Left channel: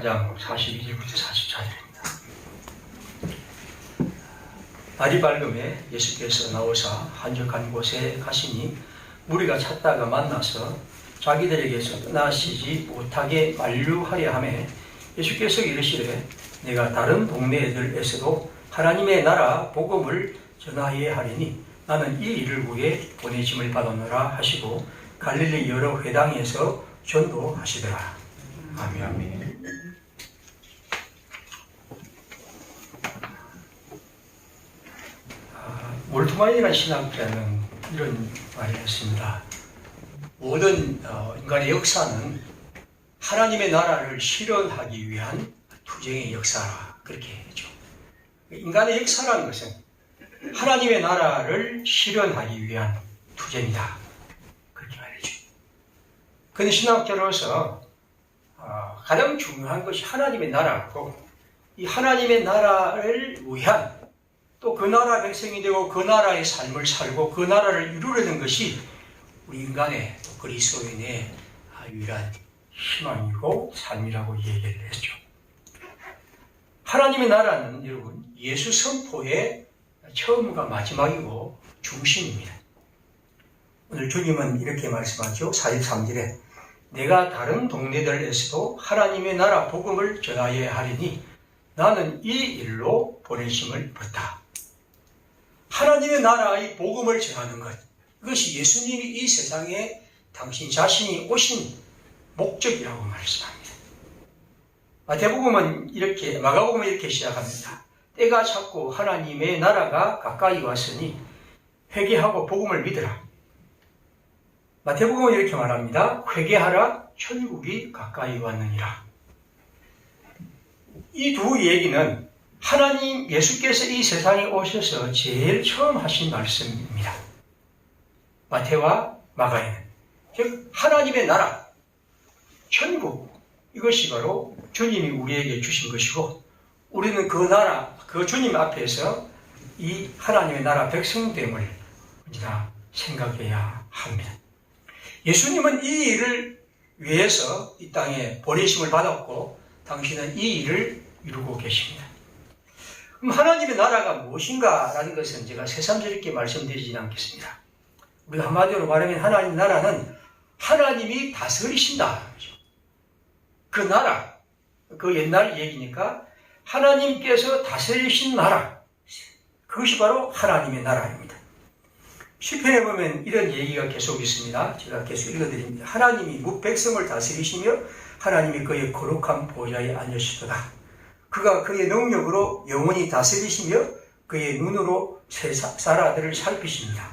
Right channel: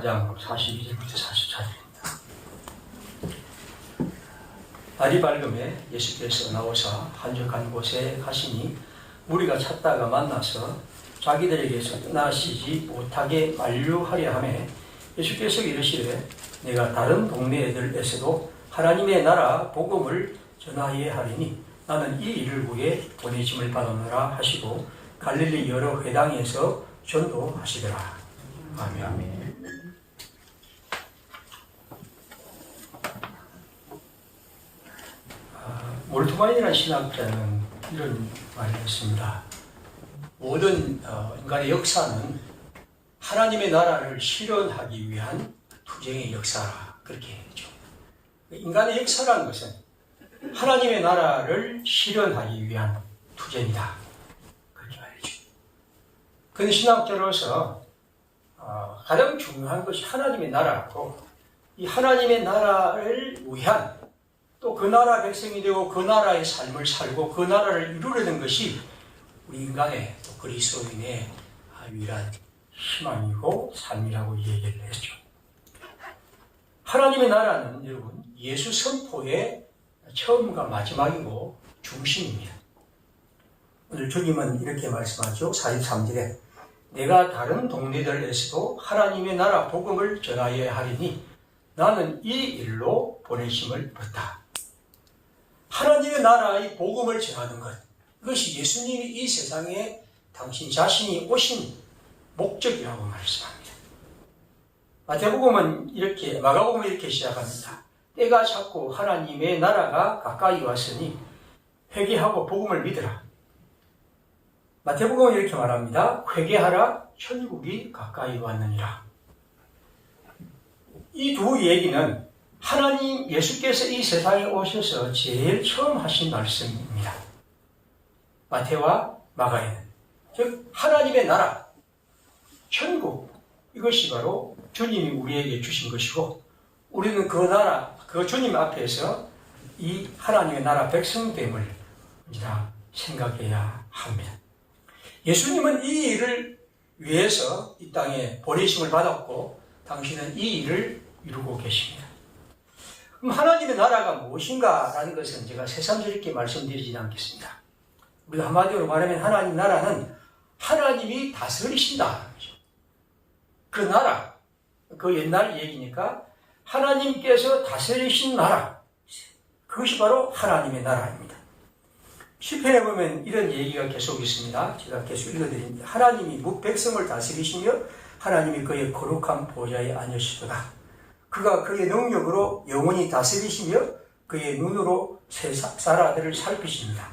4장 42절부터 44절입니다. 날이 밝음에 예수께서 나오사 한적한 곳에 가시니 무리가 찾다가 만나서 자기들에게서 떠나시지 못하게 만류하려 하매 예수께서 이르시되 내가 다른 동네들에서도 하나님의 나라 복음을 전하여야 하리니 나는 이 일을 위해 보내심을 받았노라 하시고 갈릴리 여러 회당에서 전도하시더라. 아멘. 몰트만이라는 신학자는 이런 말을 했습니다. 모든 인간의 역사는 하나님의 나라를 실현하기 위한 투쟁의 역사라 그렇게 했죠. 인간의 역사라는 것은 하나님의 나라를 실현하기 위한 투쟁이다 그렇게 말이죠. 그런데 신학자로서 가장 중요한 것이 하나님의 나라고 이 하나님의 나라를 위한 또 그 나라 백성이 되고 그 나라의 삶을 살고 그 나라를 이루려는 것이 우리 인간의 또 그리스도인의 유일한 희망이고 삶이라고 얘기를 했죠. 하나님의 나라는 여러분 예수 선포의 처음과 마지막이고 중심입니다. 오늘 주님은 이렇게 말씀하죠. 43절에 내가 다른 동네들에서도 하나님의 나라 복음을 전하여야 하리니 나는 이 일로 보내심을 받다. 하나님의 나라의 복음을 전하는 것, 이것이 예수님이 이 세상에 당신 자신이 오신 목적이라고 말씀합니다. 마가복음은 이렇게 시작합니다. 때가 찼고 하나님의 나라가 가까이 왔으니 회개하고 복음을 믿으라. 마태복음은 이렇게 말합니다. 회개하라, 천국이 가까이 왔느니라. 이 두 얘기는 하나님 예수께서 이 세상에 오셔서 제일 처음 하신 말씀입니다. 마태와 마가에는 즉 하나님의 나라, 천국 이것이 바로 주님이 우리에게 주신 것이고 우리는 그 나라, 그 주님 앞에서 이 하나님의 나라 백성됨을 우리가 생각해야 합니다. 예수님은 이 일을 위해서 이 땅에 보내심을 받았고 당신은 이 일을 이루고 계십니다. 그럼 하나님의 나라가 무엇인가라는 것은 제가 새삼스럽게 말씀드리지 않겠습니다. 우리가 한마디로 말하면 하나님 나라는 하나님이 다스리신다. 그 나라, 그 옛날 얘기니까 하나님께서 다스리신 나라, 그것이 바로 하나님의 나라입니다. 시편에 보면 이런 얘기가 계속 있습니다. 제가 계속 읽어드립니다. 하나님이 백성을 다스리시며 하나님이 그의 거룩한 보좌에 앉으시도다. 그가 그의 능력으로 영원히 다스리시며 그의 눈으로 세사라들을 살피십니다.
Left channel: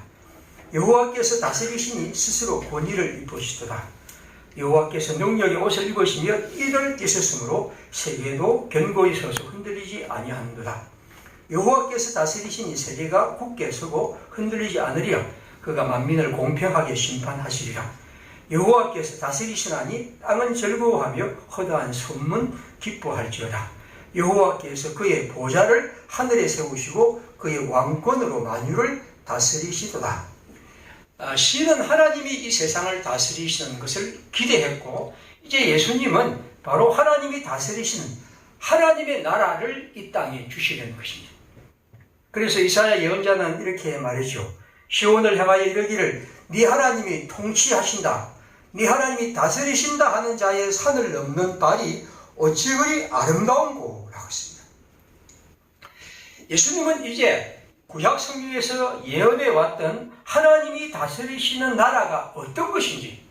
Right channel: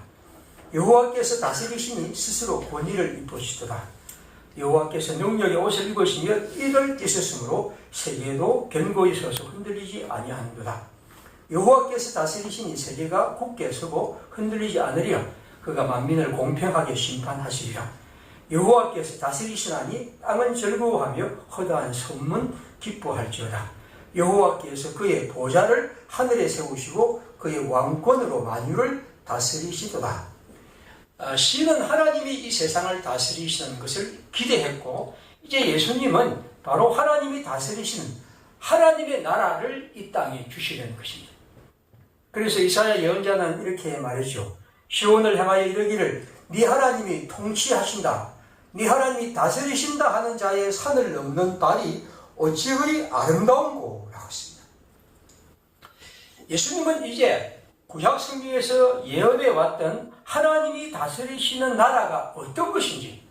여호와께서 다스리시니 스스로 권위를 입으시도다. 여호와께서 능력의 옷을 입으시며 이를 찢으심으로 세계도 견고히 서서 흔들리지 아니하는도다. 여호와께서 다스리시니 세계가 굳게 서고 흔들리지 않으리라. 그가 만민을 공평하게 심판하시리라. 여호와께서 다스리시나니 땅은 즐거워하며 허다한 선문 기뻐할지어다. 여호와께서 그의 보좌를 하늘에 세우시고 그의 왕권으로 만유를 다스리시도다. 시인은 하나님이 이 세상을 다스리시는 것을 기대했고 이제 예수님은 바로 하나님이 다스리시는 하나님의 나라를 이 땅에 주시려는 것입니다. 그래서 이사야 예언자는 이렇게 말이죠. 시온을 향하여 이르기를 네 하나님이 통치하신다. 네 하나님이 다스리신다 하는 자의 산을 넘는 발이 어찌 그리 아름다운고 라고 했습니다. 예수님은 이제 구약 성경에서 예언해 왔던 하나님이 다스리시는 나라가 어떤 것인지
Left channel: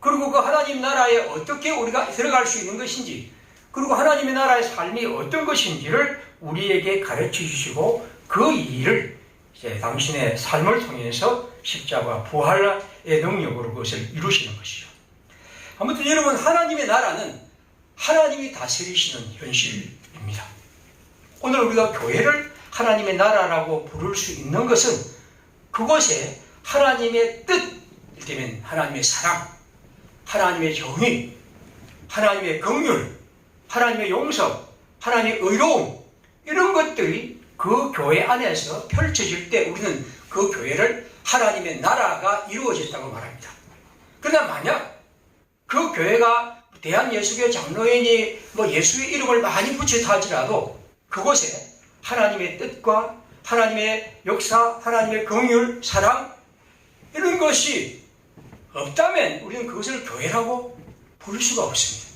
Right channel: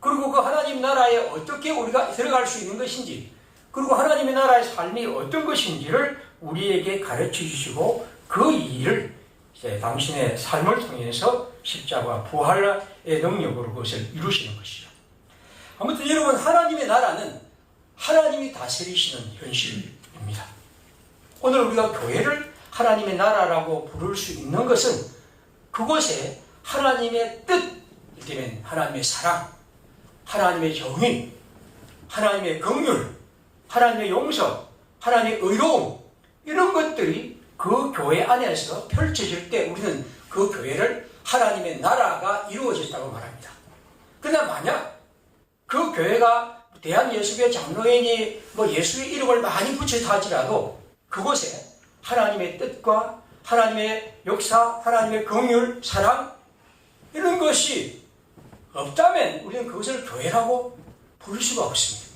그리고 그 하나님 나라에 어떻게 우리가 들어갈 수 있는 것인지 그리고 하나님의 나라의 삶이 어떤 것인지를 우리에게 가르쳐 주시고 그 일을 이제 당신의 삶을 통해서 십자가 부활의 능력으로 그것을 이루시는 것이죠. 아무튼 여러분 하나님의 나라는 하나님이 다스리시는 현실입니다. 오늘 우리가 교회를 하나님의 나라라고 부를 수 있는 것은 그곳에 하나님의 뜻, 이를테면 하나님의 사랑, 하나님의 정의, 하나님의 긍휼, 하나님의 용서, 하나님의 의로움 이런 것들이 그 교회 안에서 펼쳐질 때 우리는 그 교회를 하나님의 나라가 이루어졌다고 말합니다. 그러나 만약 그 교회가 대한예수교 장로인이 뭐 예수의 이름을 많이 붙여서 하지라도 그곳에 하나님의 뜻과 하나님의 역사, 하나님의 긍휼, 사랑 이런 것이 없다면 우리는 그것을 교회라고 부를 수가 없습니다.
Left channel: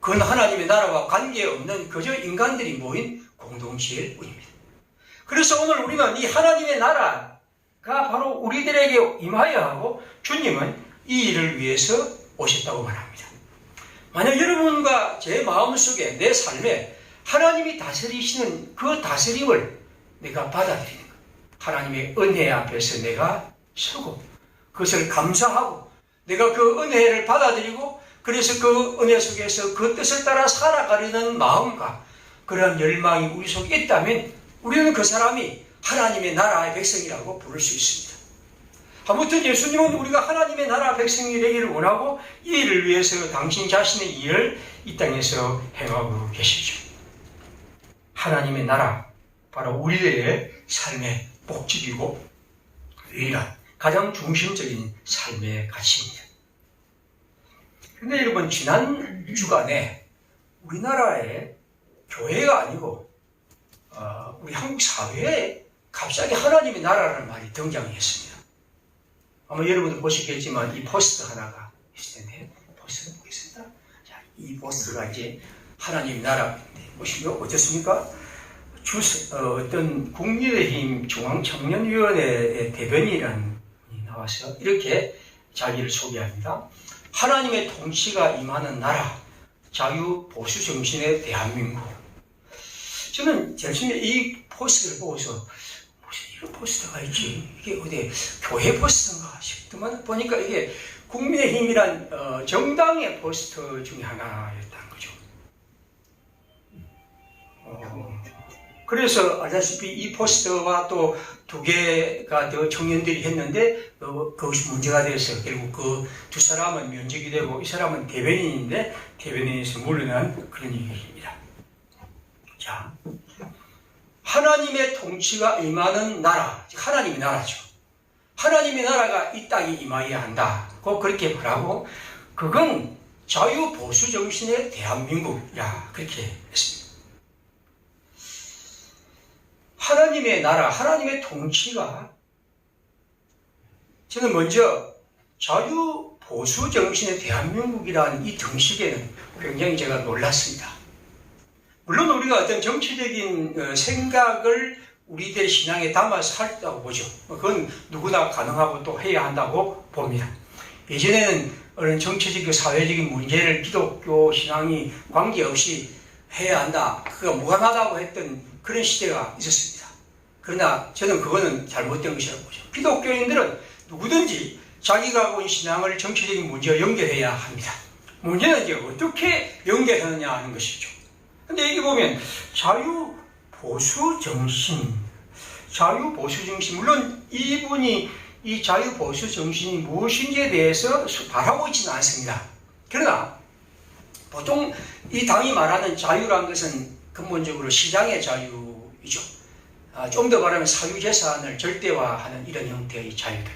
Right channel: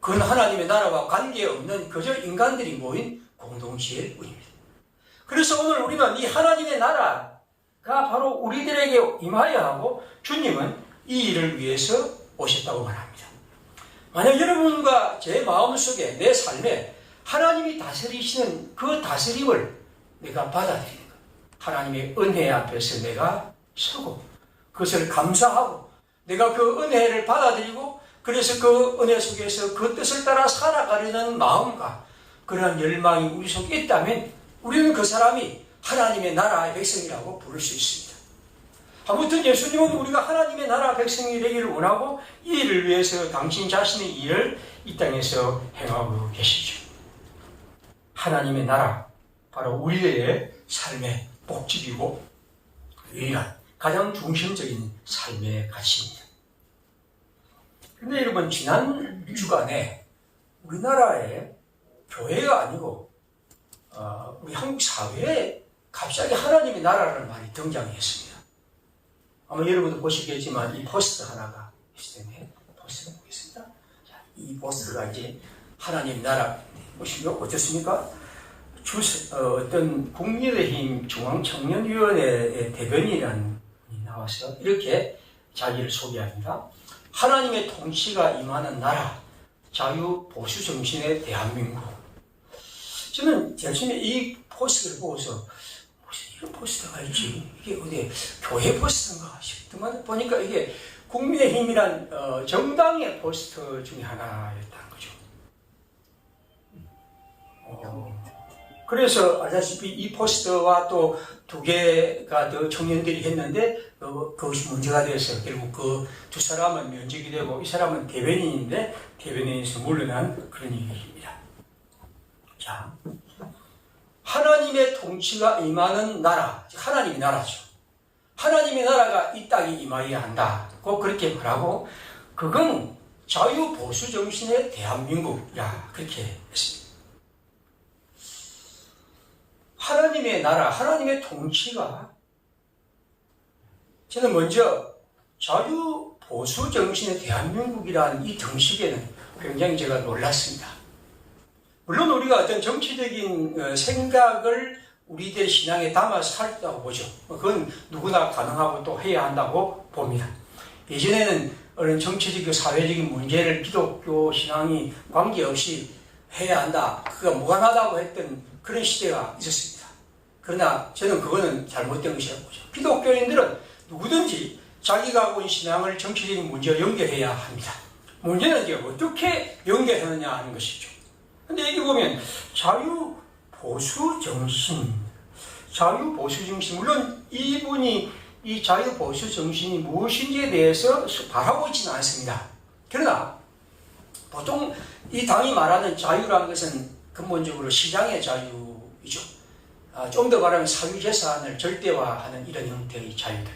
그건 하나님의 나라와 관계없는 그저 인간들이 모인 공동체일 뿐입니다. 그래서 오늘 우리는 이 하나님의 나라가 바로 우리들에게 임하여야 하고 주님은 이 일을 위해서 오셨다고 말합니다. 만약 여러분과 제 마음속에 내 삶에 하나님이 다스리시는 그 다스림을 내가 받아들이는 것, 하나님의 은혜 앞에서 내가 서고 그것을 감사하고 내가 그 은혜를 받아들이고 그래서 그 은혜 속에서 그 뜻을 따라 살아가려는 마음과 그런 열망이 우리 속에 있다면 우리는 그 사람이 하나님의 나라의 백성이라고 부를 수 있습니다. 아무튼 예수님은 우리가 하나님의 나라 백성이 되기를 원하고 이 일을 위해서 당신 자신의 일을 이 땅에서 행하고 계시죠. 하나님의 나라, 바로 우리의 삶의 목적이고 유일한 가장 중심적인 삶의 가치입니다. 그런데 여러분, 지난 주간에 우리나라의 교회가 아니고 우리 한국 사회에 갑자기 하나님의 나라라는 말이 등장했습니다. 아마 여러분도 보시겠지만 이 포스터 하나가 있을 텐데 포스터 보겠습니다. 자, 이 포스터가 이제 하나님의 나라 보시면 어떻습니까? 어떤 국민의힘 중앙청년위원회 대변인이라는 분이 나와서 이렇게 자기를 소개합니다. 하나님의 통치가 임하는 나라, 자유 보수 정신의 대한민국. 저는 제일 처음에 이 포스터를 보고서 무슨 이런 포스터가 있지? 이게 어디 교회 포스터인가 싶더만 보니까 이게 국민의힘이란 정당의 포스터 중에 하나였다는 거죠. 그래서 알다시피 이 포스터와 또 두 개가 더 청년들이 했는데 그것이 문제가 돼서 결국 그 두 사람은 면직이 되고 이 사람은 대변인인데 대변인에서 물러난 그런 얘기입니다. 자, 하나님의 통치가 임하는 나라, 즉 하나님의 나라죠. 하나님의 나라가 이 땅에 임하여야 한다. 꼭 그렇게 말하고 그건 자유보수 정신의 대한민국이야. 그렇게 했습니다. 하나님의 나라, 하나님의 통치가 저는 먼저 자유보수 정신의 대한민국이라는 이 정식에는 굉장히 제가 놀랐습니다. 물론 우리가 어떤 정치적인 생각을 우리들의 신앙에 담아서 살다고 보죠. 그건 누구나 가능하고 또 해야 한다고 봅니다. 예전에는 어떤 정치적, 사회적인 문제를 기독교 신앙이 관계없이 해야 한다. 그가 무관하다고 했던 그런 시대가 있었습니다. 그러나 저는 그거는 잘못된 것이라고 보죠. 기독교인들은 누구든지 자기가 가고 있는 신앙을 정치적인 문제와 연결해야 합니다. 문제는 이제 어떻게 연결하느냐 하는 것이죠. 근데 여기 보면 자유보수 정신, 물론 이분이 이 자유보수 정신이 무엇인지에 대해서 말하고 있지는 않습니다. 그러나 보통 이 당이 말하는 자유라는 것은 근본적으로 시장의 자유이죠. 좀 더 말하면 사유재산을 절대화하는 이런 형태의 자유들.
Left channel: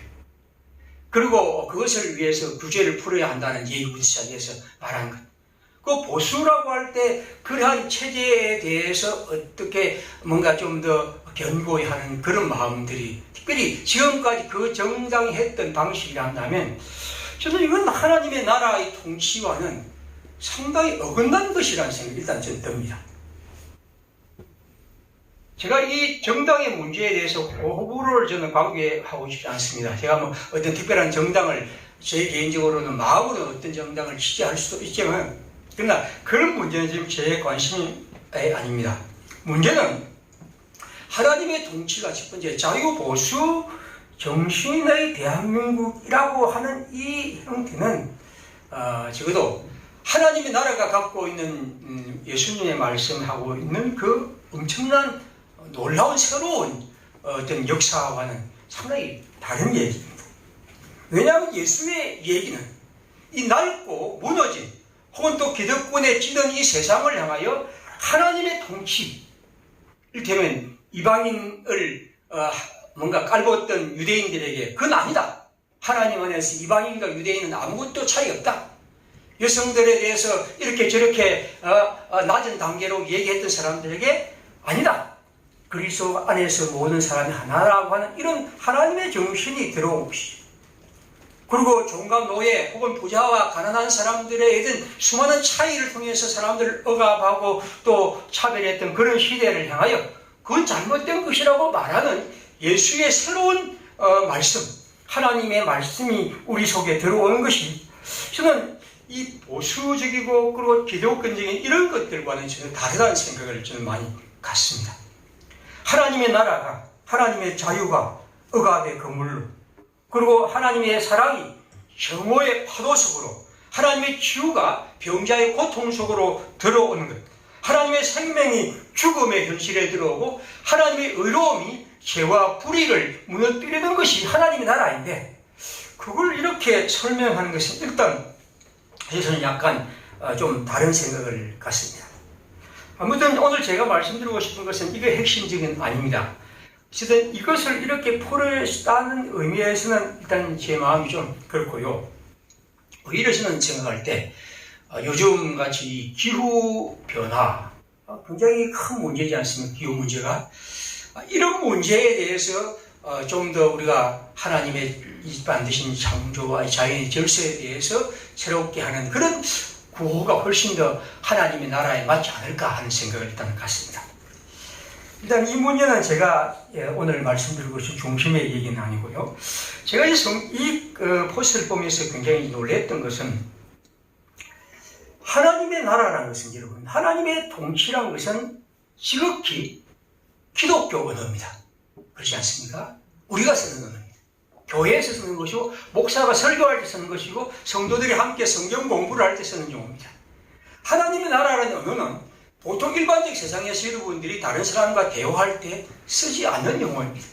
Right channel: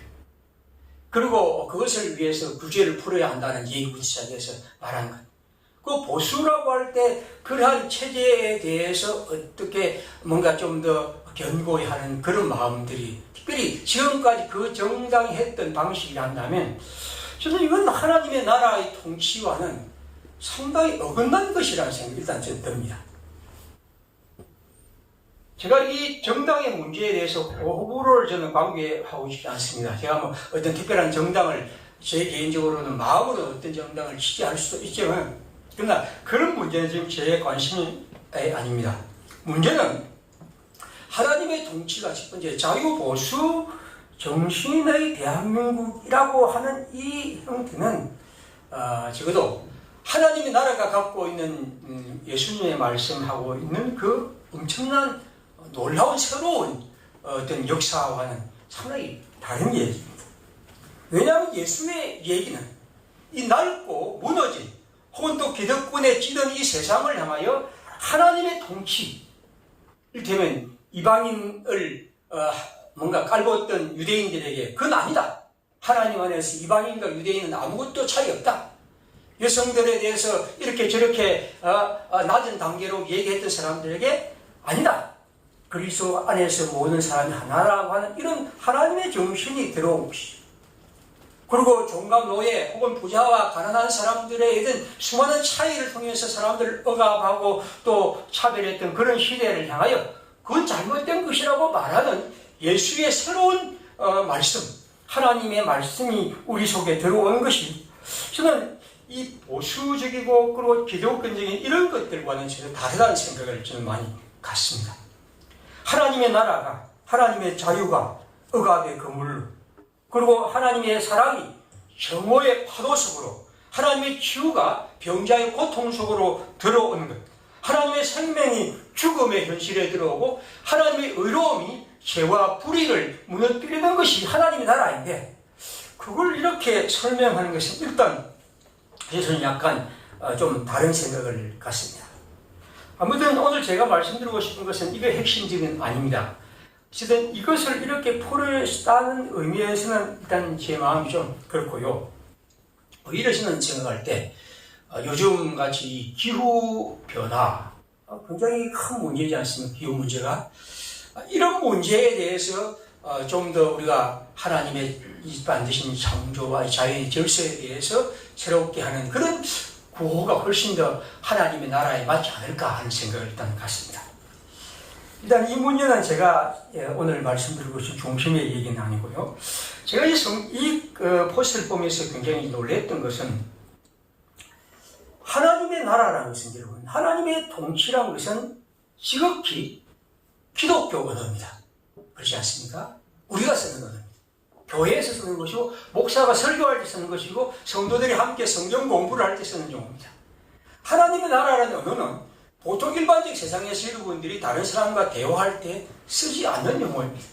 그리고 그것을 위해서 규제를 풀어야 한다는 예의군사에서 말하는 것. 그 보수라고 할 때 그러한 체제에 대해서 어떻게 뭔가 좀 더 견고히 하는 그런 마음들이 특별히 지금까지 그 정당이 했던 방식이라 한다면 저는 이건 하나님의 나라의 통치와는 상당히 어긋난 것이라는 생각이 일단 저는 듭니다. 제가 이 정당의 문제에 대해서 호불호를 저는 관계하고 싶지 않습니다. 제가 뭐 어떤 특별한 정당을 제 개인적으로는 마음으로 어떤 정당을 지지할 수도 있지만 그러나 그런 문제는 지금 제 관심이 아닙니다. 문제는 하나님의 통치가 첫 번째 자유보수 정신의 대한민국이라고 하는 이 형태는 적어도 하나님의 나라가 갖고 있는 예수님의 말씀하고 있는 그 엄청난 놀라운 새로운 어떤 역사와는 상당히 다른 얘기입니다. 왜냐하면 예수의 얘기는 이 낡고 무너진 혹은 또 기득권에 찌든 이 세상을 향하여 하나님의 통치, 이를테면 이방인을 뭔가 깔보었던 유대인들에게 그건 아니다. 하나님 안에서 이방인과 유대인은 아무것도 차이 없다. 여성들에 대해서 이렇게 저렇게 낮은 단계로 얘기했던 사람들에게 아니다. 그리스도 안에서 모든 사람이 하나라고 하는 이런 하나님의 정신이 들어온 것이죠. 그리고 종각 노예 혹은 부자와 가난한 사람들의 이런 수많은 차이를 통해서 사람들을 억압하고 또 차별했던 그런 시대를 향하여 그건 잘못된 것이라고 말하는 예수의 새로운 말씀, 하나님의 말씀이 우리 속에 들어오는 것이 저는 이 보수적이고 그리고 기독교적인 이런 것들과는 전혀 다르다는 생각을 저는 많이 갖습니다. 하나님의 나라가, 하나님의 자유가 억압의 그물로, 그리고 하나님의 사랑이 정오의 파도 속으로, 하나님의 치유가 병자의 고통 속으로 들어오는 것, 하나님의 생명이 죽음의 현실에 들어오고 하나님의 의로움이 죄와 불의를 무너뜨리는 것이 하나님의 나라인데, 그걸 이렇게 설명하는 것은 일단 저는 약간 좀 다른 생각을 갖습니다. 아무튼 오늘 제가 말씀드리고 싶은 것은 이게 핵심적인 아닙니다. 어쨌든 이것을 이렇게 풀었다는 의미에서는 일단 제 마음이 좀 그렇고요. 오히려 저는 생각할 때 요즘 같이 기후변화 굉장히 큰 문제지 않습니까? 기후 문제가. 이런 문제에 대해서 좀 더 우리가 하나님의 만드신 창조와 자연의 질서에 대해서 새롭게 하는 그런 구호가 훨씬 더 하나님의 나라에 맞지 않을까 하는 생각을 일단 갖습니다. 일단 이 문제는 제가 오늘 말씀드리고 싶은 중심의 얘기는 아니고요. 제가 이 포스트를 보면서 굉장히 놀랬던 것은 하나님의 나라라는 것은 여러분, 하나님의 통치라는 것은 지극히 기독교 언어입니다. 그렇지 않습니까? 우리가 쓰는 언어입니다. 교회에서 쓰는 것이고 목사가 설교할 때 쓰는 것이고 성도들이 함께 성경 공부를 할 때 쓰는 용어입니다. 하나님의 나라라는 언어는 보통 일반적 세상에서 여러분들이 다른 사람과 대화할 때 쓰지 않는 용어입니다.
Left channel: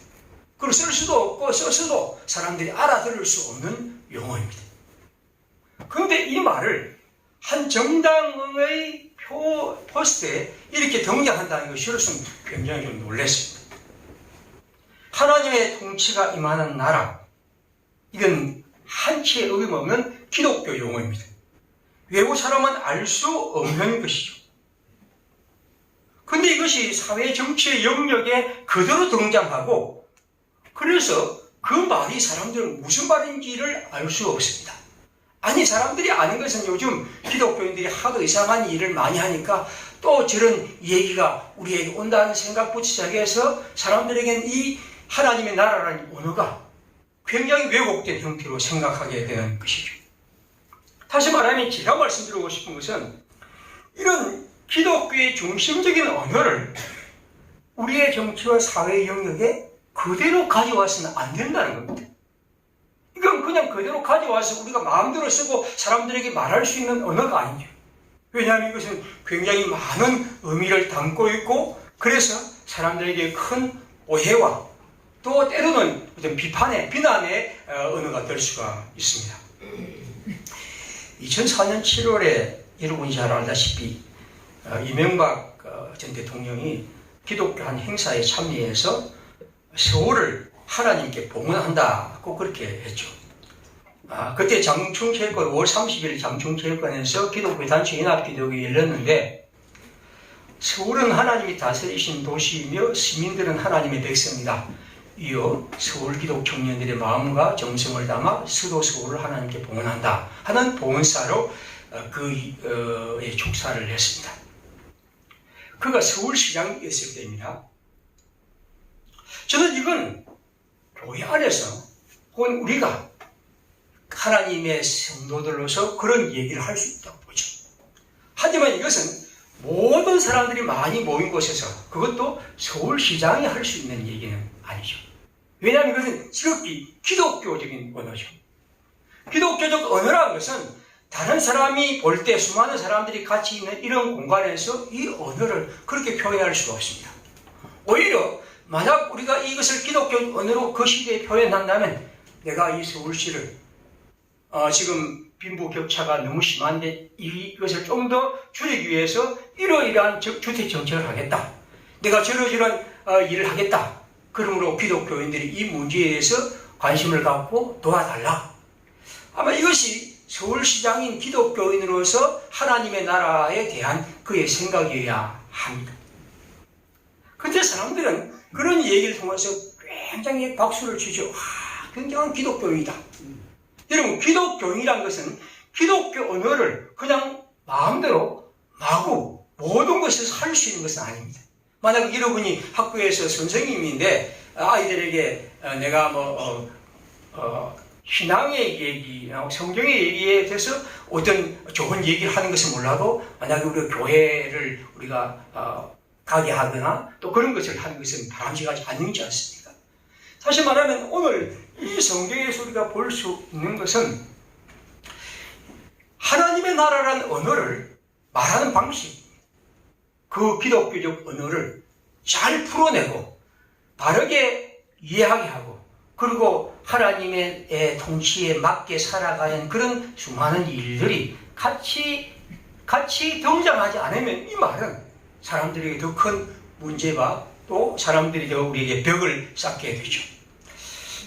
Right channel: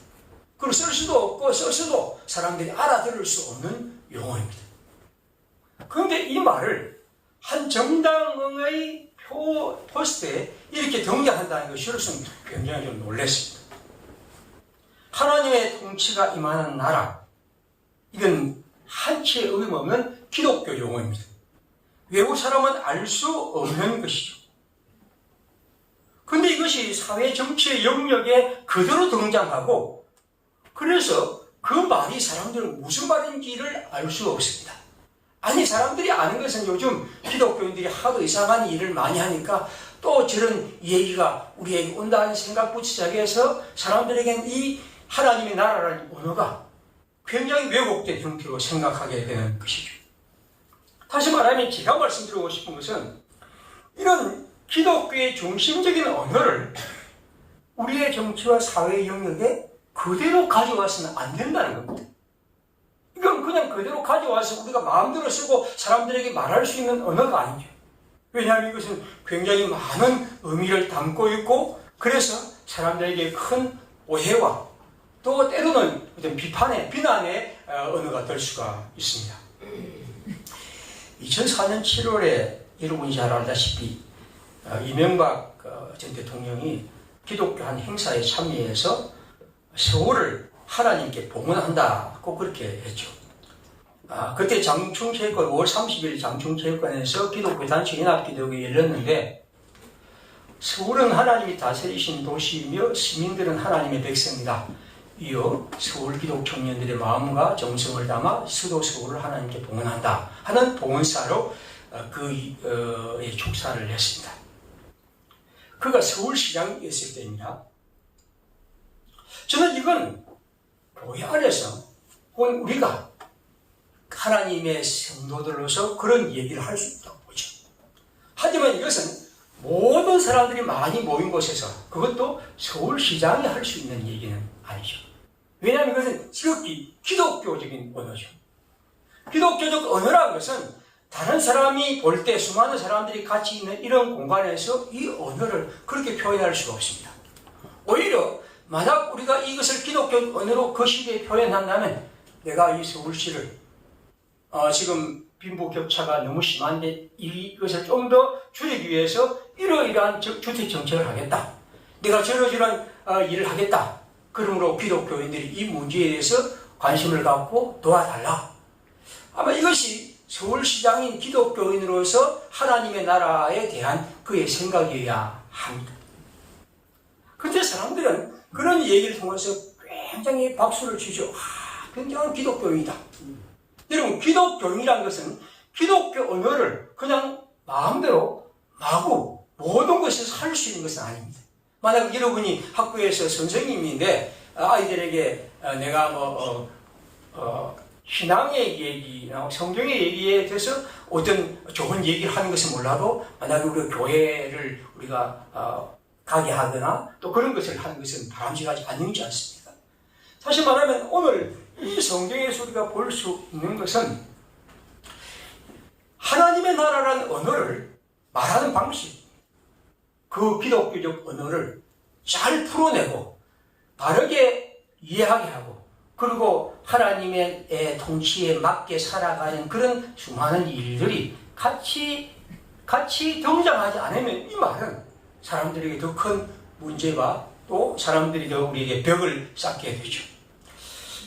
그리고 쓸 수도 없고 써서도 사람들이 알아들을 수 없는 용어입니다. 그런데 이 말을 한 정당의 포스트에 이렇게 등장한다는 것이 저로서는 굉장히 좀 놀랐습니다. 하나님의 통치가 임하는 나라, 이건 한치의 어김없는 기독교 용어입니다. 외국 사람은 알 수 없는 것이죠. 그런데 이것이 사회 정치의 영역에 그대로 등장하고, 그래서 그 말이 사람들은 무슨 말인지를 알 수 없습니다. 아니, 사람들이 아는 것은 요즘 기독교인들이 하도 이상한 일을 많이 하니까 또 저런 얘기가 우리에게 온다는 생각부터 시작해서 사람들에게는 이 하나님의 나라라는 언어가 굉장히 왜곡된 형태로 생각하게 되는 것이죠. 다시 말하면 제가 말씀드리고 싶은 것은 이런 기독교의 중심적인 언어를 우리의 정치와 사회 영역에 그대로 가져와서는 안 된다는 겁니다. 이건 그냥 그대로 가져와서 우리가 마음대로 쓰고 사람들에게 말할 수 있는 언어가 아니죠. 왜냐하면 이것은 굉장히 많은 의미를 담고 있고, 그래서 사람들에게 큰 오해와 또 때로는 어떤 비난의 언어가 될 수가 있습니다. 2004년 7월에 여러분이 잘 알다시피 이명박 전 대통령이 기독교 한 행사에 참여해서 서울을 하나님께 봉헌한다고 그렇게 했죠. 그때 장충체육관 5월 30일 장충체육관에서 기독교 단체 연합기도회가 열렸는데, 서울은 하나님이 다스리신 도시이며 시민들은 하나님의 백성이다. 이어 서울 기독 청년들의 마음과 정성을 담아 수도 서울을 하나님께 봉헌한다 하는 봉헌사로 그의 축사를 했습니다. 그가 서울시장이었을 때입니다. 저는 이건 교회 안에서 혹은 우리가 하나님의 성도들로서 그런 얘기를 할 수 있다고 보죠. 하지만 이것은 모든 사람들이 많이 모인 곳에서, 그것도 서울시장이 할 수 있는 얘기는 아니죠. 왜냐하면 이것은 지극히 기독교적인 언어죠. 기독교적 언어라는 것은 다른 사람이 볼 때 수많은 사람들이 같이 있는 이런 공간에서 이 언어를 그렇게 표현할 수가 없습니다. 오히려 만약 우리가 이것을 기독교 언어로 그 시대에 표현한다면, 내가 이 서울시를 지금 빈부격차가 너무 심한데 이것을 좀 더 줄이기 위해서 이러이러한 주택 정책을 하겠다. 내가 저러저러한 일을 하겠다. 그러므로 기독교인들이 이 문제에 대해서 관심을 갖고 도와달라. 아마 이것이 서울시장인 기독교인으로서 하나님의 나라에 대한 그의 생각이어야 합니다. 그런데 사람들은 그런 얘기를 통해서 굉장히 박수를 치죠. 굉장한 기독교인이다. 여러분, 기독교인이란 것은 기독교 언어를 그냥 마음대로 마구 모든 것을 할 수 있는 것은 아닙니다. 만약 여러분이 학교에서 선생님인데 아이들에게 내가 신앙의 얘기, 성경의 얘기에 대해서 어떤 좋은 얘기를 하는 것은 몰라도 만약에 우리가 교회를 우리가 가게 하거나 또 그런 것을 하는 것은 바람직하지 않지 않습니까? 사실 말하면 오늘 이 성경에서 우리가 볼 수 있는 것은 하나님의 나라라는 언어를 말하는 방식, 그 기독교적 언어를 잘 풀어내고 바르게 이해하게 하고 그리고 하나님의 통치에 맞게 살아가는 그런 수많은 일들이 같이 등장하지 않으면 이 말은 사람들에게 더 큰 문제와 또 사람들이 더 우리에게 벽을 쌓게 되죠.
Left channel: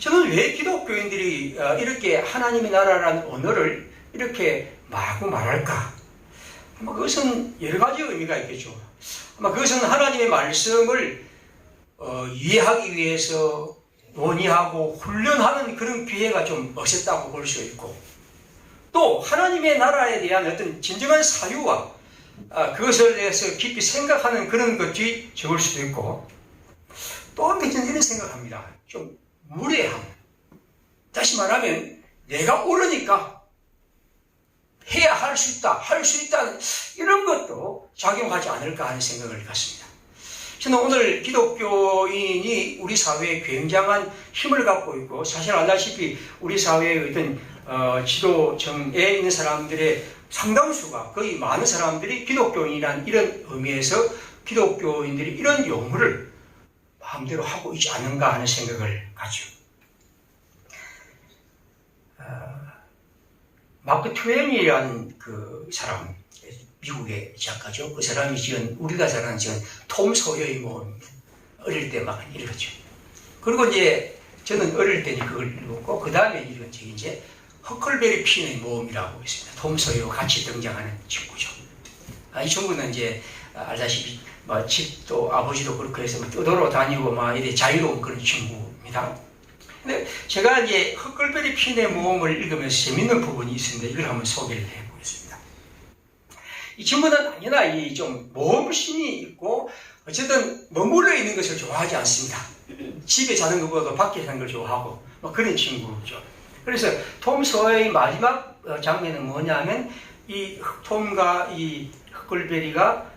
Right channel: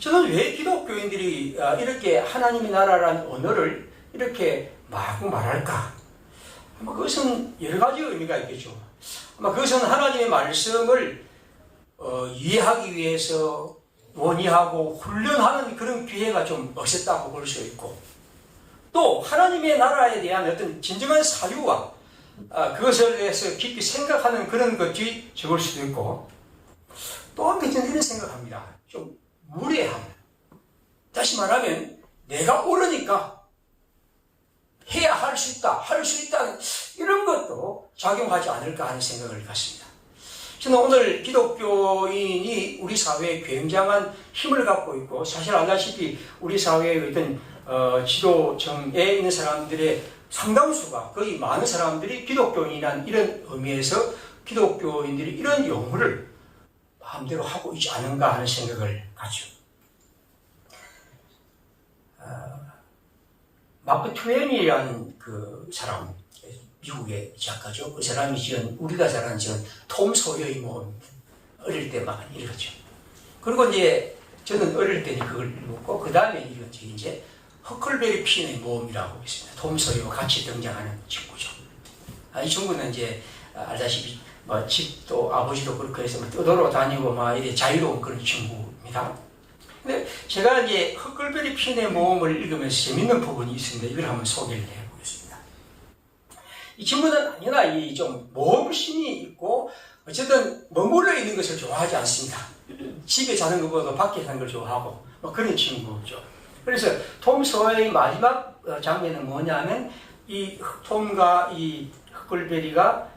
저는 왜 기독교인들이 이렇게 하나님의 나라라는 언어를 이렇게 마구 말할까? 그것은 여러 가지 의미가 있겠죠. 아마 그것은 하나님의 말씀을 이해하기 위해서 논의하고 훈련하는 그런 기회가 좀 없었다고 볼 수 있고 또 하나님의 나라에 대한 어떤 진정한 사유와 그것에 대해서 깊이 생각하는 그런 것이 적을 수도 있고 또 한편 저는 이런 생각합니다. 좀 무례함. 다시 말하면 내가 옳으니까 해야 할 수 있다 이런 것도 작용하지 않을까 하는 생각을 갖습니다. 저는 오늘 기독교인이 우리 사회에 굉장한 힘을 갖고 있고 사실 알다시피 우리 사회의 어떤 지도층에 있는 사람들의 상당수가 거의 많은 사람들이 기독교인이란 이런 의미에서 기독교인들이 이런 용어를 마음대로 하고 있지 않은가 하는 생각을 가죠. 마크 트웨인이라는 그 사람, 미국의 작가죠. 그 사람이 지은, 우리가 잘 아는 지은 톰 소여의 모험입니다. 어릴 때 막 읽었죠. 그리고 이제 저는 어릴 때 그걸 읽었고, 그 다음에 읽은 책이 이제 허클베리 핀의 모험이라고 있습니다. 톰 소여와 같이 등장하는 친구죠. 이 친구는 이제 알다시피 집도 아버지도 그렇게 해서 떠돌아 다니고 막 이래 자유로운 그런 친구입니다. 근데 제가 이제 허클베리 핀의 모험을 읽으면서 재밌는 부분이 있습니다. 이걸 한번 소개를 해보겠습니다. 이 친구는 언제나 이 좀 모험심이 있고 어쨌든 머물러 있는 것을 좋아하지 않습니다. 집에 자는 것보다 밖에 사는 걸 좋아하고 뭐 그런 친구죠. 그래서 톰 소여의 마지막 장면은 뭐냐면 이 톰과 이 허클베리가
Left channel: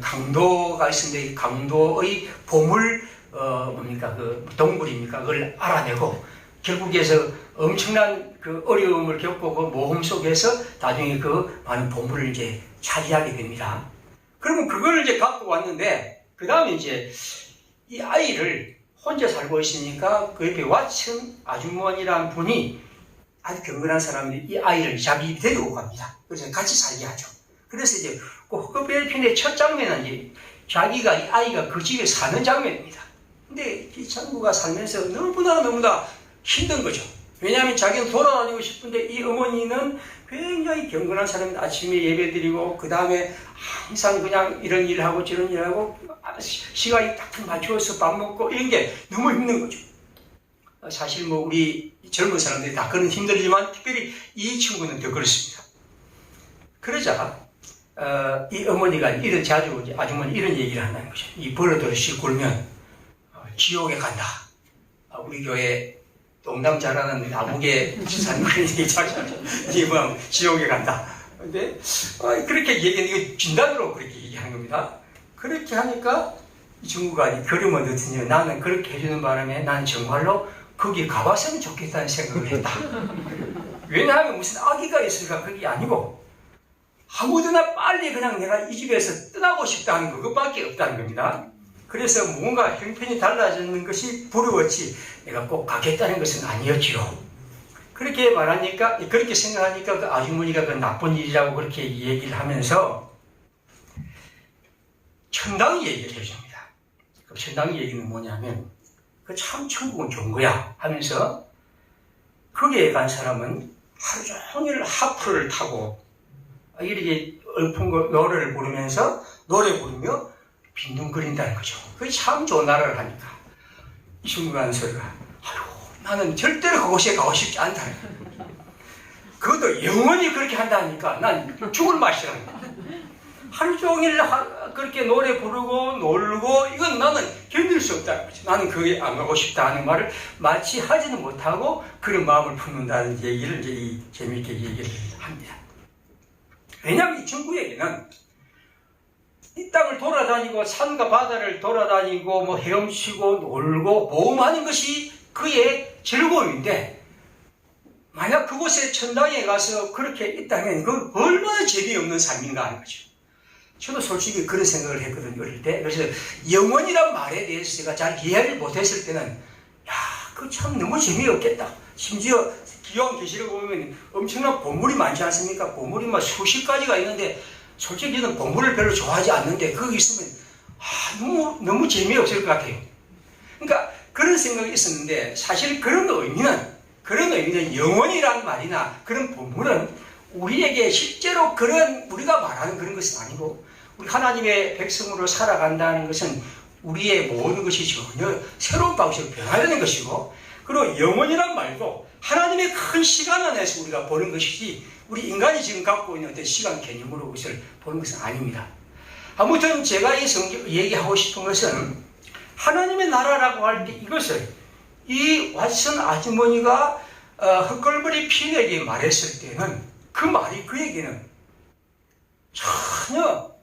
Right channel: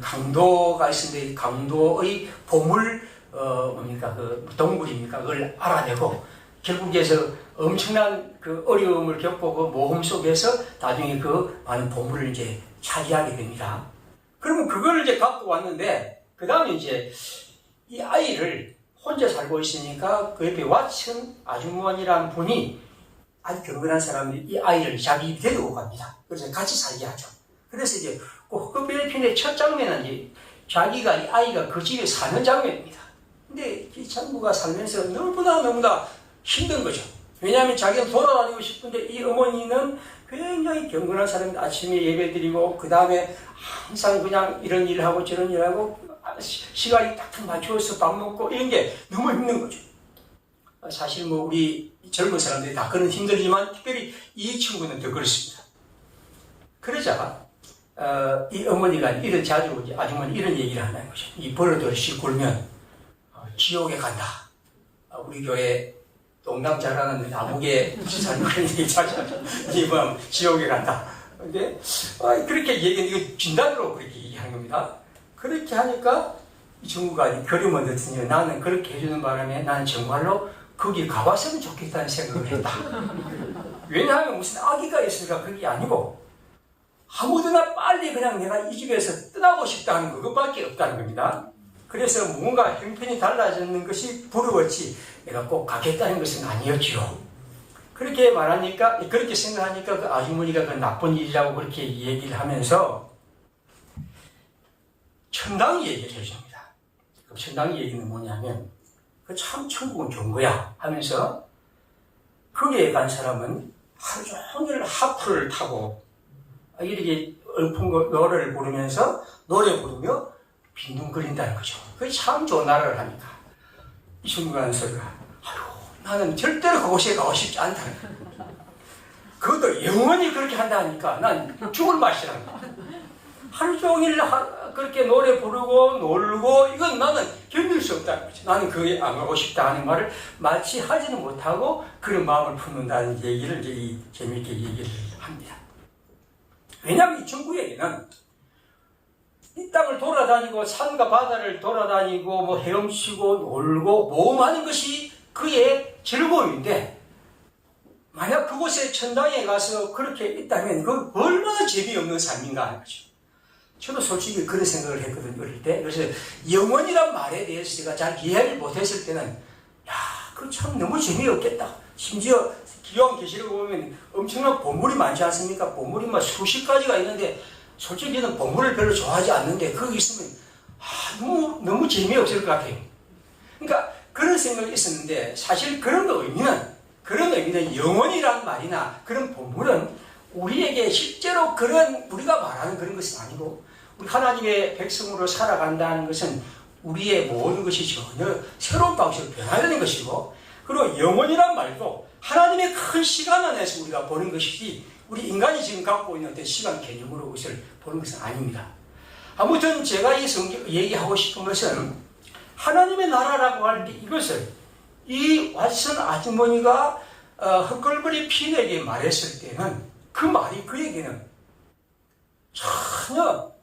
강도가 있는데 강도의 보물 그 동굴입니까? 그걸 알아내고 결국에서 엄청난 그 어려움을 겪고 그 모험 속에서 나중에 그 많은 보물을 이제 차지하게 됩니다. 그러면 그걸 이제 갖고 왔는데 그 다음에 이제 이 아이를 혼자 살고 있으니까 그 옆에 왓슨 아주머니라는 분이 아주 경건한 사람들이 이 아이를 자기 데리고 갑니다. 그래서 같이 살게 하죠. 그래서 이제 그 허클베리 핀의 첫 장면은 이제 자기가 이 아이가 그 집에 사는 장면입니다. 근데 이 친구가 살면서 너무나 힘든 거죠. 왜냐하면 자기는 돌아다니고 싶은데 이 어머니는 굉장히 경건한 사람인데 아침에 예배드리고 그 다음에 항상 그냥 이런 일을 하고 저런 일을 하고 시간이 딱 맞추어서 밥 먹고 이런 게 너무 힘든 거죠. 사실 우리 젊은 사람들이 다 그런 힘들지만 특별히 이 친구는 더 그렇습니다. 그러자 이 어머니가 이런 자주 아주머니 이런 얘기를 한다는 거죠. 이 버릇을 굴면 지옥에 간다. 우리 교회 농담 잘하는 남욱의 지사님 그런 얘기 잘 하죠. 이번 지옥에 간다. 근데 그렇게 이거 진단으로 그렇게 얘기한 겁니다. 그렇게 하니까 이 친구가 걸음을 넣더니 나는 그렇게 해주는 바람에 나는 정말로 거기 가봤으면 좋겠다는 생각을 했다. 왜냐하면 무슨 아기가 있으니까 그게 아니고 아무데나 빨리 그냥 내가 이 집에서 떠나고 싶다는 그것밖에 없다는 겁니다. 그래서 뭔가 형편이 달라지는 것이 부러웠지 내가 꼭 가겠다는 것은 아니었죠. 그렇게 말하니까 그렇게 생각하니까 그 아주머니가 그 나쁜 일이라고 그렇게 얘기를 하면서 천당 얘기를 해줍니다. 그 천당 얘기는 뭐냐면 그 참 천국은 좋은 거야 하면서 거기에 간 사람은 하루 종일 하프를 타고 이렇게 노래를 부르면서 노래 부르며 빈둥거린다는 거죠. 그게 참 좋은 나라를 하니까 이 친구가 하는 소리가 아유 나는 절대로 그곳에 가고 싶지 않다. 그것도 영원히 그렇게 한다니까 난 죽을 맛이라는 거야. 하루 종일 그렇게 노래 부르고 놀고 이건 나는 견딜 수 없다는 거죠. 나는 거기 안 가고 싶다 하는 말을 마치 하지는 못하고 그런 마음을 품는다는 얘기를 이제 재미있게 얘기를 합니다. 왜냐하면 이 친구에게는 이 땅을 돌아다니고 산과 바다를 돌아다니고 뭐 헤엄치고 놀고 모험하는 것이 그의 즐거움인데 만약 그곳에 천당에 가서 그렇게 있다면 그 얼마나 재미없는 삶인가 하는 거죠. 저도 솔직히 그런 생각을 했거든요, 어릴 때. 그래서 영원이란 말에 대해서 제가 잘 이해를 못했을 때는 야, 그거 참 너무 재미없겠다. 심지어 기왕계시록 보면 엄청난 보물이 많지 않습니까? 보물이 막 수십 가지가 있는데 솔직히 저는 보물을 별로 좋아하지 않는데 거기 있으면 너무 재미없을 것 같아요. 그러니까 그런 생각이 있었는데 사실 그런 의미는 영원이라는 말이나 그런 보물은 우리에게 실제로 그런 우리가 말하는 그런 것은 아니고 우리 하나님의 백성으로 살아간다는 것은 우리의 모든 것이 전혀 새로운 방식으로 변화되는 것이고 그리고 영원이란 말도 하나님의 큰 시간 안에서 우리가 보는 것이지 우리 인간이 지금 갖고 있는 어떤 시간 개념으로 그것을 보는 것은 아닙니다. 아무튼 제가 이 성경 얘기하고 싶은 것은 하나님의 나라라고 할 때 이것을 이 왓슨 아주머니가 헛걸버리 핀에게 말했을 때는 그 말이 그에게는 전혀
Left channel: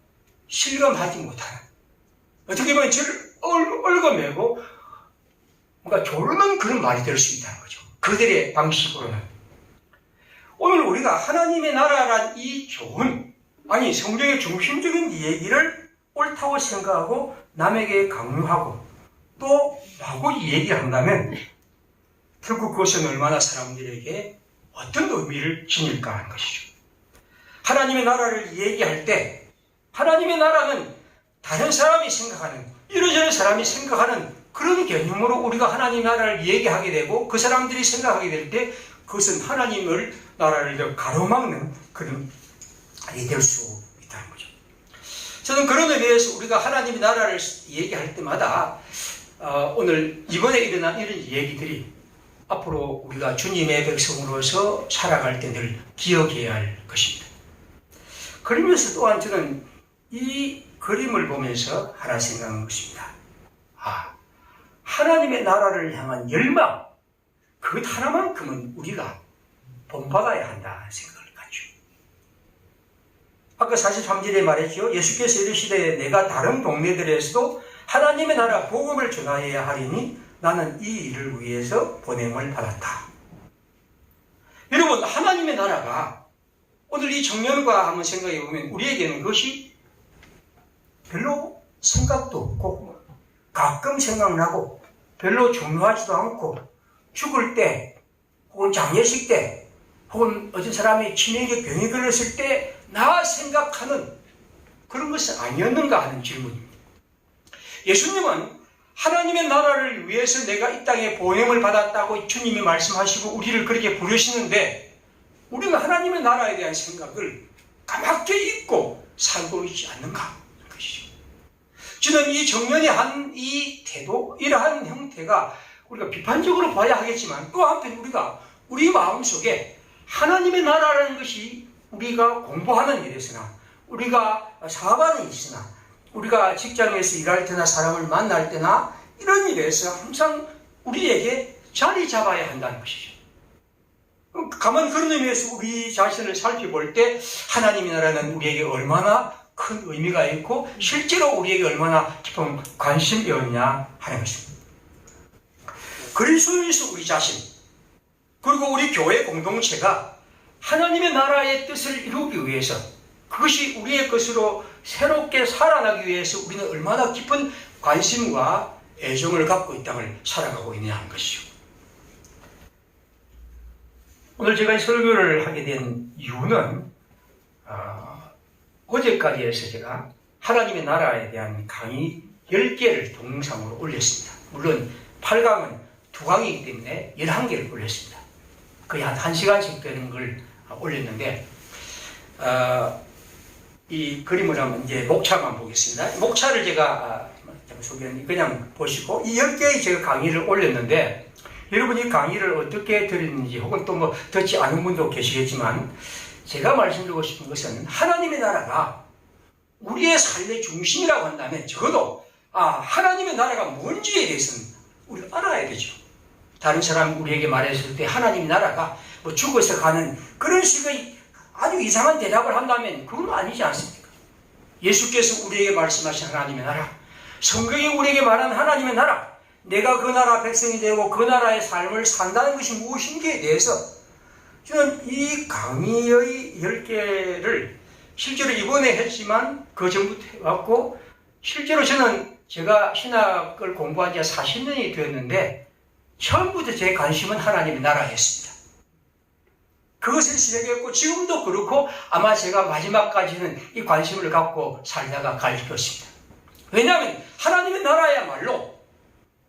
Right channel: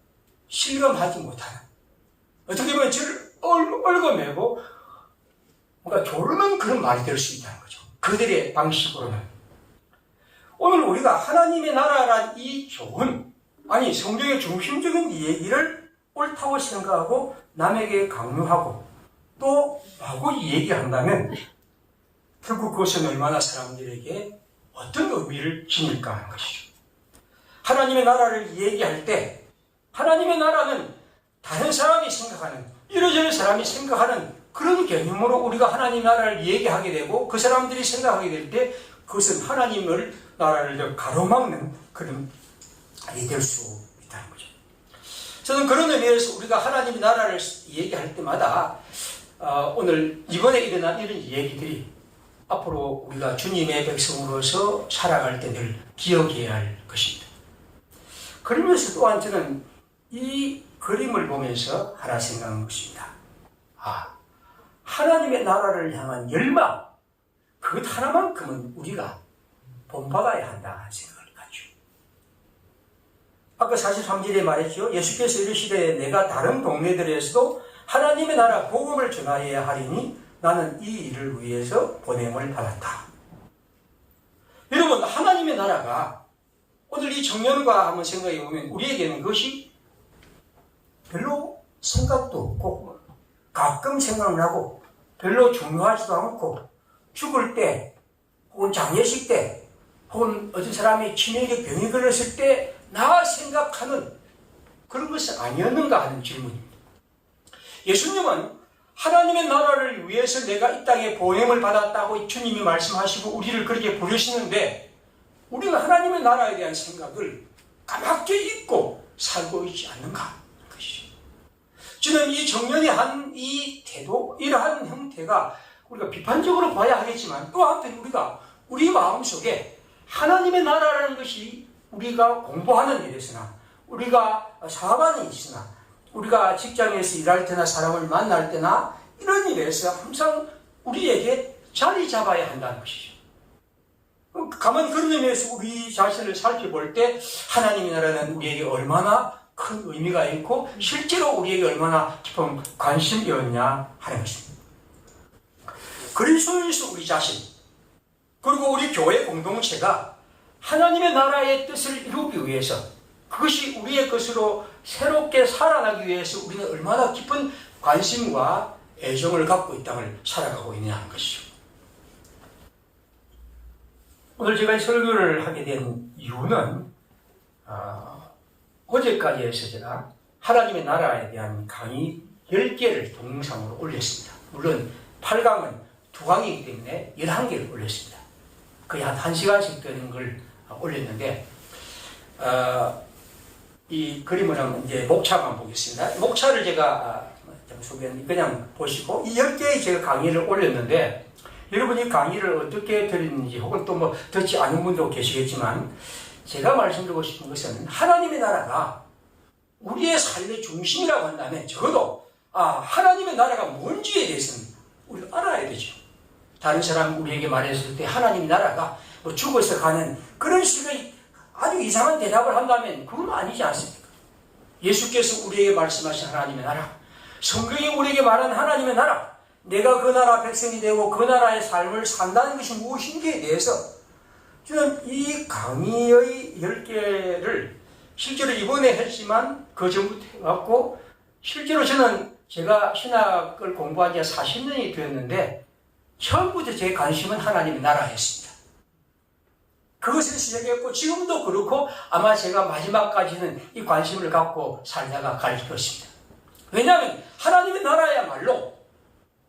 실감하지 못하는 어떻게 보면 저를 얽어매고 뭔가 조르는 그런 말이 될 수 있다는 거죠. 그들의 방식으로는. 오늘 우리가 하나님의 나라란 이 좋은 성경의 중심적인 얘기를 옳다고 생각하고 남에게 강요하고 또 라고 얘기한다면 결국 그것은 얼마나 사람들에게 어떤 의미를 지닐까 하는 것이죠. 하나님의 나라를 얘기할 때 하나님의 나라는 다른 사람이 생각하는 이러저러 사람이 생각하는 그런 개념으로 우리가 하나님의 나라를 얘기하게 되고 그 사람들이 생각하게 될 때 그것은 하나님의 나라를 더 가로막는 그런 일이 될 수 있다는 거죠. 저는 그런 의미에서 우리가 하나님의 나라를 얘기할 때마다 오늘 이번에 일어난 이런 얘기들이 앞으로 우리가 주님의 백성으로서 살아갈 때 늘 기억해야 할 것입니다. 그러면서 또한 저는 이 그림을 보면서 하나 생각한 것입니다. 하나님의 나라를 향한 열망, 그것 하나만큼은 우리가 본받아야 한다는 생각을 갖죠. 아까 43절에 말했죠. 예수께서 이르시되 내가 다른 동네들에서도 하나님의 나라 복음을 전하여야 하리니 나는 이 일을 위해서 보냄을 받았다. 여러분, 하나님의 나라가 오늘 이 청년과 한번 생각해 보면 우리에게는 그것이 별로 생각도 없고 가끔 생각나고 별로 중요하지도 않고 죽을 때 혹은 장례식 때 혹은 어떤 사람이 치매적 병이 걸렸을 때 나 생각하는 그런 것은 아니었는가 하는 질문입니다. 예수님은 하나님의 나라를 위해서 내가 이 땅에 보냄을 받았다고 주님이 말씀하시고 우리를 그렇게 부르시는데 우리는 하나님의 나라에 대한 생각을 까맣게 잊고 살고 있지 않는가 하는 것이죠. 저는 이 청년이 한 이 태도, 이러한 형태가 우리가 비판적으로 봐야 하겠지만 또 한편 우리가 우리 마음속에 하나님의 나라라는 것이 우리가 공부하는 일에서나 우리가 사업하는 일이나 우리가 직장에서 일할 때나 사람을 만날 때나 이런 일에서 항상 우리에게 자리 잡아야 한다는 것이죠. 가만 그런 의미에서 우리 자신을 살펴볼 때 하나님의 나라는 우리에게 얼마나 큰 의미가 있고 실제로 우리에게 얼마나 깊은 관심이었냐 하는 것입니다. 그리스도에서 우리 자신 그리고 우리 교회 공동체가 하나님의 나라의 뜻을 이루기 위해서 그것이 우리의 것으로 새롭게 살아나기 위해서 우리는 얼마나 깊은 관심과 애정을 갖고 이 땅을 살아가고 있냐 하는 것이죠. 오늘 제가 설교를 하게 된 이유는 어제까지 해서 제가 하나님의 나라에 대한 강의 10개를 동영상으로 올렸습니다. 물론 8강은 2강이기 때문에 11개를 올렸습니다. 거의 한 1시간씩 되는 걸 올렸는데, 이 그림을 한번 이제 목차만 보겠습니다. 목차를 제가 그냥 보시고, 이 10개의 제가 강의를 올렸는데, 여러분이 강의를 어떻게 들었는지, 혹은 또 뭐 듣지 않은 분도 계시겠지만, 제가 말씀드리고 싶은 것은 하나님의 나라가 우리의 삶의 중심이라고 한다면, 적어도 하나님의 나라가 뭔지에 대해서는 우리가 알아야 되죠. 다른 사람 우리에게 말했을 때 하나님의 나라가 뭐 죽어서 가는 그런 식의 아주 이상한 대답을 한다면 그건 아니지 않습니까? 예수께서 우리에게 말씀하신 하나님의 나라, 성경이 우리에게 말한 하나님의 나라, 내가 그 나라 백성이 되고 그 나라의 삶을 산다는 것이 무엇인지에 대해서 저는 이 강의의 10개를 실제로 이번에 했지만 그 전부터 해왔고, 실제로 저는 제가 신학을 공부한 지 40년이 되었는데 처음부터 제 관심은 하나님의 나라였습니다. 그것을 시작했고 지금도 그렇고 아마 제가 마지막까지는 이 관심을 갖고 살다가 갈 것입니다. 왜냐하면 하나님의 나라야말로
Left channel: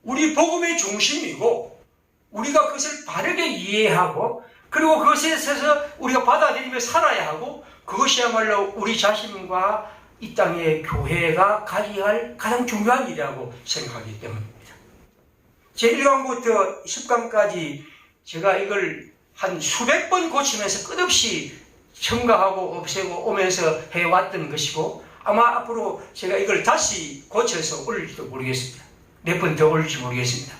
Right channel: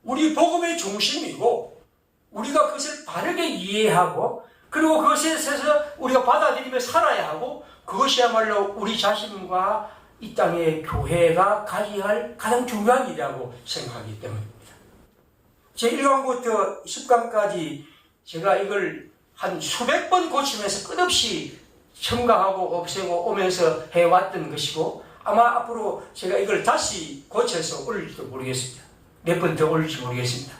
우리 복음의 중심이고, 우리가 그것을 바르게 이해하고 그리고 그것에 있어서 우리가 받아들이며 살아야 하고, 그것이야말로 우리 자신과 이 땅의 교회가 가져야 할 가장 중요한 일이라고 생각하기 때문입니다. 제1강부터 10강까지 제가 이걸 한 수백 번 고치면서 끝없이 첨가하고 없애고 오면서 해왔던 것이고, 아마 앞으로 제가 이걸 다시 고쳐서 올릴지도 모르겠습니다. 몇 번 더 올릴지 모르겠습니다.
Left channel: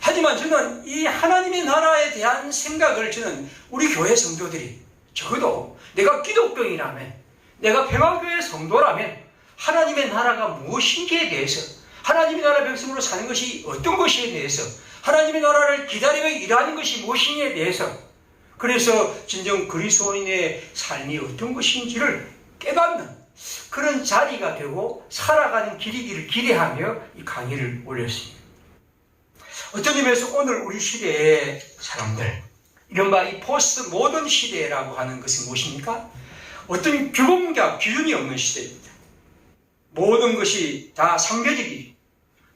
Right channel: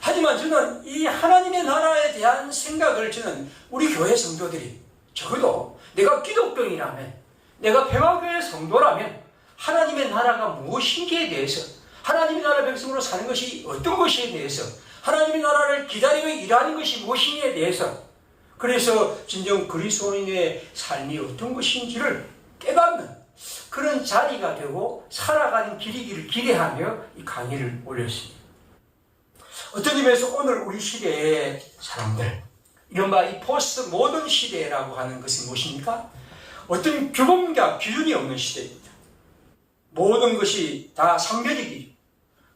하지만 저는 이 하나님의 나라에 대한 생각을 저는 우리 교회 성도들이, 적어도 내가 기독교인이라면, 내가 평화교회 성도라면 하나님의 나라가 무엇인지에 대해서, 하나님의 나라 백성으로 사는 것이 어떤 것에 대해서, 하나님의 나라를 기다리며 일하는 것이 무엇인지에 대해서, 그래서 진정 그리스도인의 삶이 어떤 것인지를 깨닫는 그런 자리가 되고 살아가는 길이기를 기대하며 이 강의를 올렸습니다. 어떤 의미에서 오늘 우리 시대의 사람들, 이른바 이 포스트 모던 시대라고 하는 것은 무엇입니까? 어떤 규범과 기준이 없는 시대입니다. 모든 것이 다 상대적이고,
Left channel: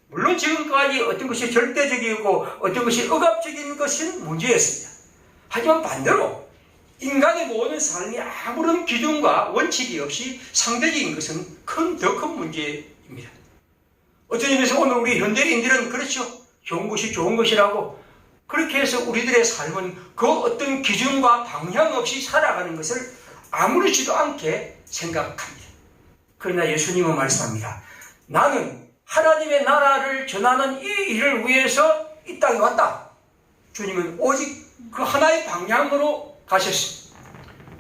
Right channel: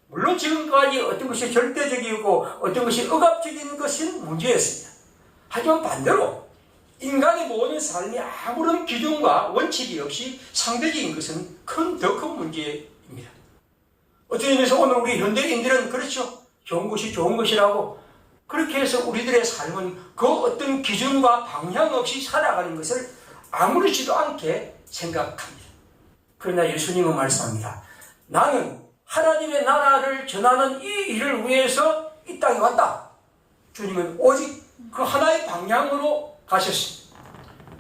물론 지금까지 어떤 것이 절대적이고 어떤 것이 억압적인 것은 문제였습니다. 하지만 반대로 인간의 모든 삶이 아무런 기준과 원칙이 없이 상대적인 것은 더 큰 문제입니다. 어떤 의미에서 오늘 우리 현대인들은 그렇죠. 좋은 것이 좋은 것이라고 그렇게 해서 우리들의 삶은 그 어떤 기준과 방향 없이 살아가는 것을 아무렇지도 않게 생각합니다. 그러나 예수님은 말씀합니다. 나는 하나님의 나라를 전하는 이 일을 위해서 이 땅에 왔다. 주님은 오직 그 하나의 방향으로 가셨습니다.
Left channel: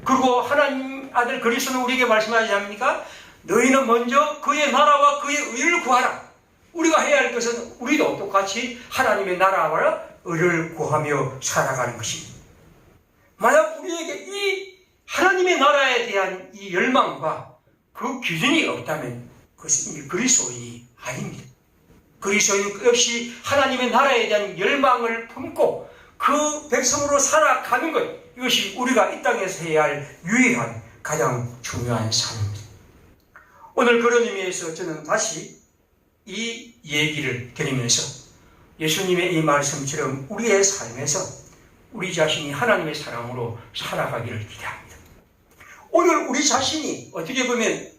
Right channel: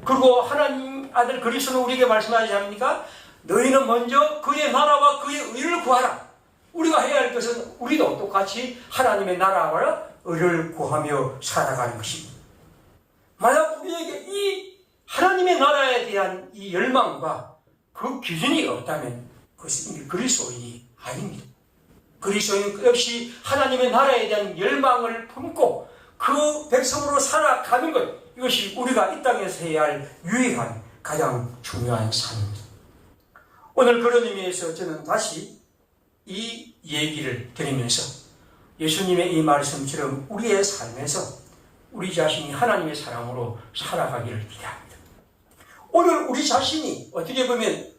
그리고 하나님 아들 그리스도는 우리에게 말씀하지 않습니까? 너희는 먼저 그의 나라와 그의 의를 구하라. 우리가 해야 할 것은 우리도 똑같이 하나님의 나라와 의를 구하며 살아가는 것입니다. 만약 우리에게 이 하나님의 나라에 대한 이 열망과 그 기준이 없다면 그것은 이미 그리스도인이 아닙니다. 그리스도인은 끝없이 하나님의 나라에 대한 열망을 품고 그 백성으로 살아가는 것, 이것이 우리가 이 땅에서 해야 할 유일한 가장 중요한 삶입니다. 오늘 그런 의미에서 저는 다시 이 얘기를 드리면서 예수님의 이 말씀처럼 우리의 삶에서 우리 자신이 하나님의 사랑으로 살아가기를 기대합니다. 오늘 우리 자신이 어떻게 보면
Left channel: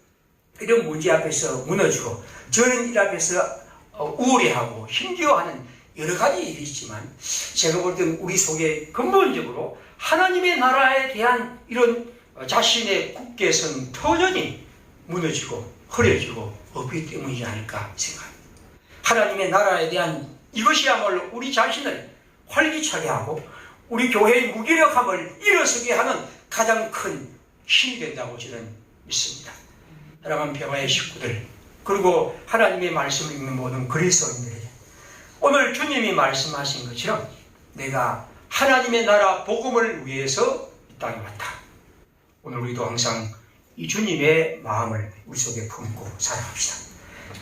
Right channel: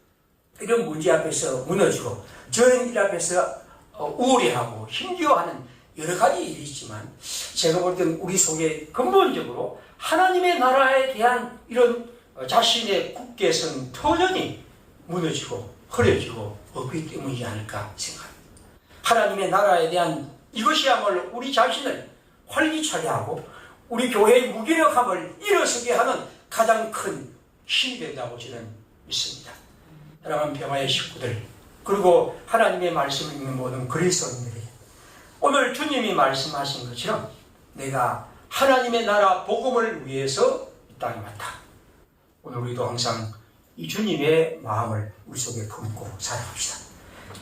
이런 문제 앞에서 무너지고 저런 일 앞에서 우울해하고 힘겨워하는 여러 가지 일이 있지만, 제가 볼 때는 우리 속에 근본적으로 하나님의 나라에 대한 이런 자신의 굳게 선 터전이 무너지고 흐려지고 없기 때문이지 않을까 생각합니다. 하나님의 나라에 대한 이것이야말로 우리 자신을 활기차게 하고 우리 교회의 무기력함을 일어서게 하는 가장 큰 힘이 된다고 저는 믿습니다. 사랑하는 평화의 식구들, 그리고 하나님의 말씀을 읽는 모든 그리스도인들이 오늘 주님이 말씀하신 것처럼 내가 하나님의 나라 복음을 위해서 이 땅에 왔다. 오늘 우리도 항상 이 주님의 마음을 우리 속에 품고 살아갑시다.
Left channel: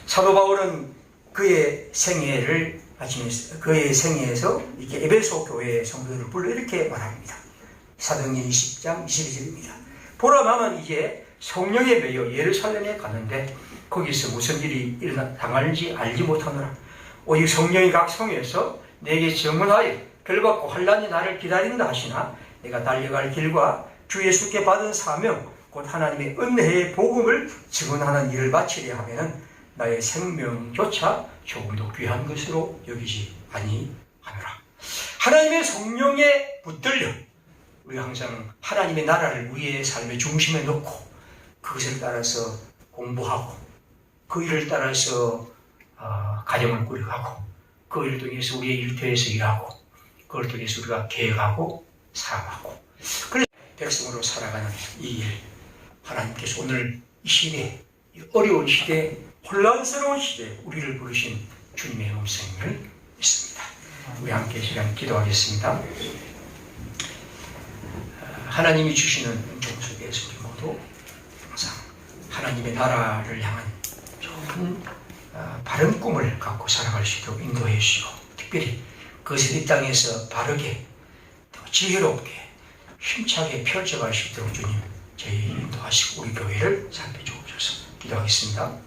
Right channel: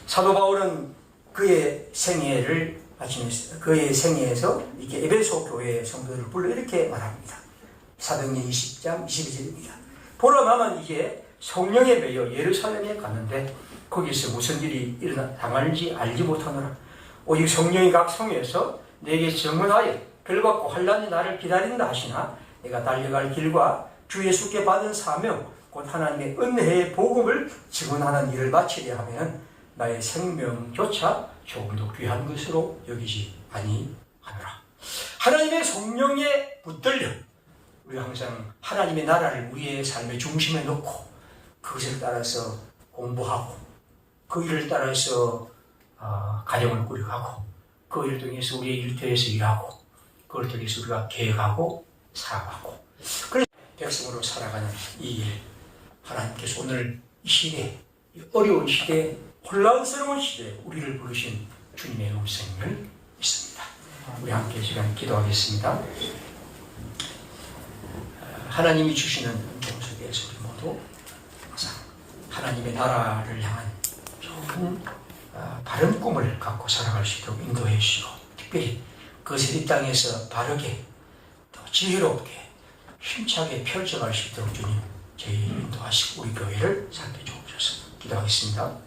사도 바울은 그의 생애를 마치면서 그의 생애에서 이렇게 에베소 교회의 성도들을 불러 이렇게 말합니다. 사도행전 20장 22절입니다. 보러 나면 이제 성령에 매여 예루살렘에 가는데 거기서 무슨 일이 당할지 알지 못하노라. 오직 성령이 각 성에서 내게 증언하여 벌받고 환난이 나를 기다린다 하시나 내가 달려갈 길과 주 예수께 받은 사명 곧 하나님의 은혜의 복음을 증언하는 일을 바치려 하면은 나의 생명조차 조금도 귀한 것으로 여기지 아니하노라. 하나님의 성령에 붙들려 우리가 항상 하나님의 나라를 우리의 삶의 중심에 놓고 그것을 따라서 공부하고 그 일을 따라서 가정을 꾸려가고 그 일을 통해서 우리의 일터에서 일하고 그걸 통해서 우리가 계획하고 살아가고 그래서 백성으로 살아가는 이 일 하나님께서 오늘 이 시대 이 어려운 시대 혼란스러운 시대에 우리를 부르신 주님의 음성을 믿습니다. 우리 함께 시간 기도하겠습니다. 하나님이 주시는 은총 속에서 우리 모두 항상 하나님의 나라를 향한 좋은 바른 꿈을 갖고 살아갈 수 있도록 인도해 주시고 특별히 그것을 이 땅에서 바르게 더 지혜롭게 힘차게 펼쳐갈 수 있도록 주님 저희 인도하시고 우리 교회를 살펴주옵소서. 기도하겠습니다.